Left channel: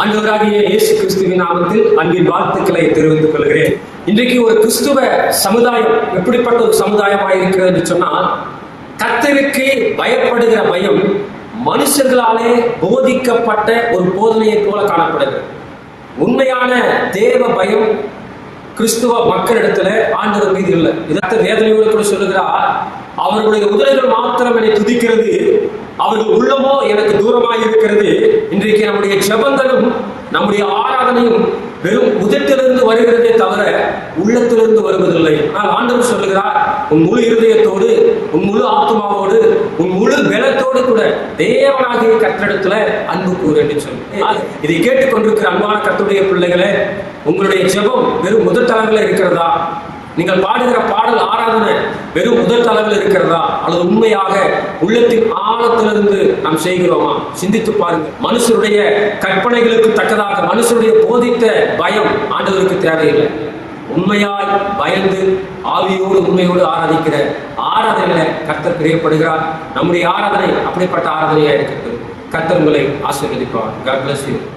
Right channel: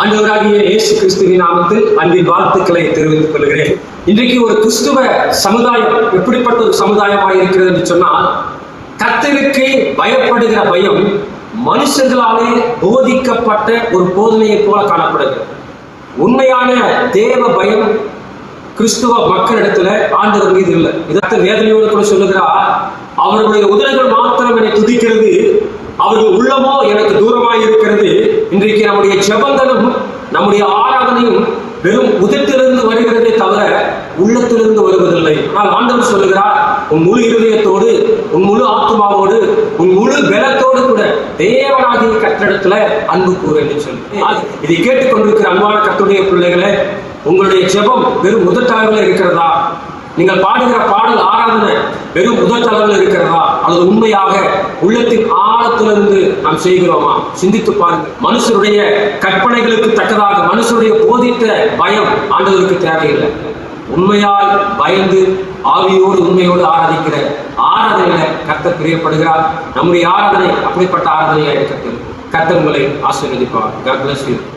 ஆண்டவராகிய இயேசு கிறிஸ்துவின் நாமத்தில் அன்பின் வாழ்த்துக்களை தெரிவித்துக் கொள்கிறேன். இன்றைக்கு ஒரு கிறிஸ்துவ சமுதாயம் எப்படிப்பட்ட ஒரு சமுதாயமாக இருக்கிறது என்று சொன்னால் கர்த்தருக்கு பயப்படுகிற பயம் மனுஷர்களாலே போதிக்கப்பட்ட ஒரு போதனையை போல காணப்படுகிறது. உண்மையான தேவ பயம் கிறிஸ்துவ மக்களிடத்துல ஆண்டவர் மீது இல்லை. இதற்கு வேதனையோடு கூட சொல்லுகிறார் அவருடைய உதடுகள் மாத்திரம் என்னை துதிக்கிறது அவர்கள் உள்ளமோ எனக்கு தூரமாக இருக்கிறது. இன்றைக்கு நம்முடைய செபங்களும் நம்முடைய ஆராதனையும் வெறும் உதட்டிலிருந்து வருகிறதே தவிர உள்ளத்திலிருந்து வருவதில்லை. ஆனால் ஆண்டவர் சொல்லுகிறார் உன் முழு இருதயத்தோடு உன் முழு ஆத்மாவோடு உன் முழு பலத்தோடு கூட தேவனாகிய கட்டிடத்துல அன்பு கூறு என்று சொல்லி. இதை கேட்டுக்கொண்டிருக்கிற அன்பான கத்துடைய பிள்ளைகளே உங்களுடைய ஜெபம் வெறும் முதற்தளவில் இருக்கிறதா? நீங்கள் பாடுகிற பாடல் ஆராதனை வெறும் முதற்தளவில் இருக்கிறதா? அல்லது உண்மையாக உள்ளத்தின் ஆழத்திலிருந்து நாம் செய்கிறோமா? சிந்தித்து பாருங்கள். மனுஷருடைய கற்பனைகளுக்கு தக்கதாக மனுஷருடைய போதித்த பயம் ஆண்டுகளுக்கு தேவையில்லை. உண்மையால் பயந்து ஆவியோடு உண்மையோடு ஆராதிக்கிற ஆராதனை கர்த்தர் பிரியப்படுகிறார். நம்முடைய ஆராதனை அப்படிப்பட்ட ஆராதனையாக இருக்கிறது? கர்த்தர் உங்களை ஆசீர்வதிப்பார்.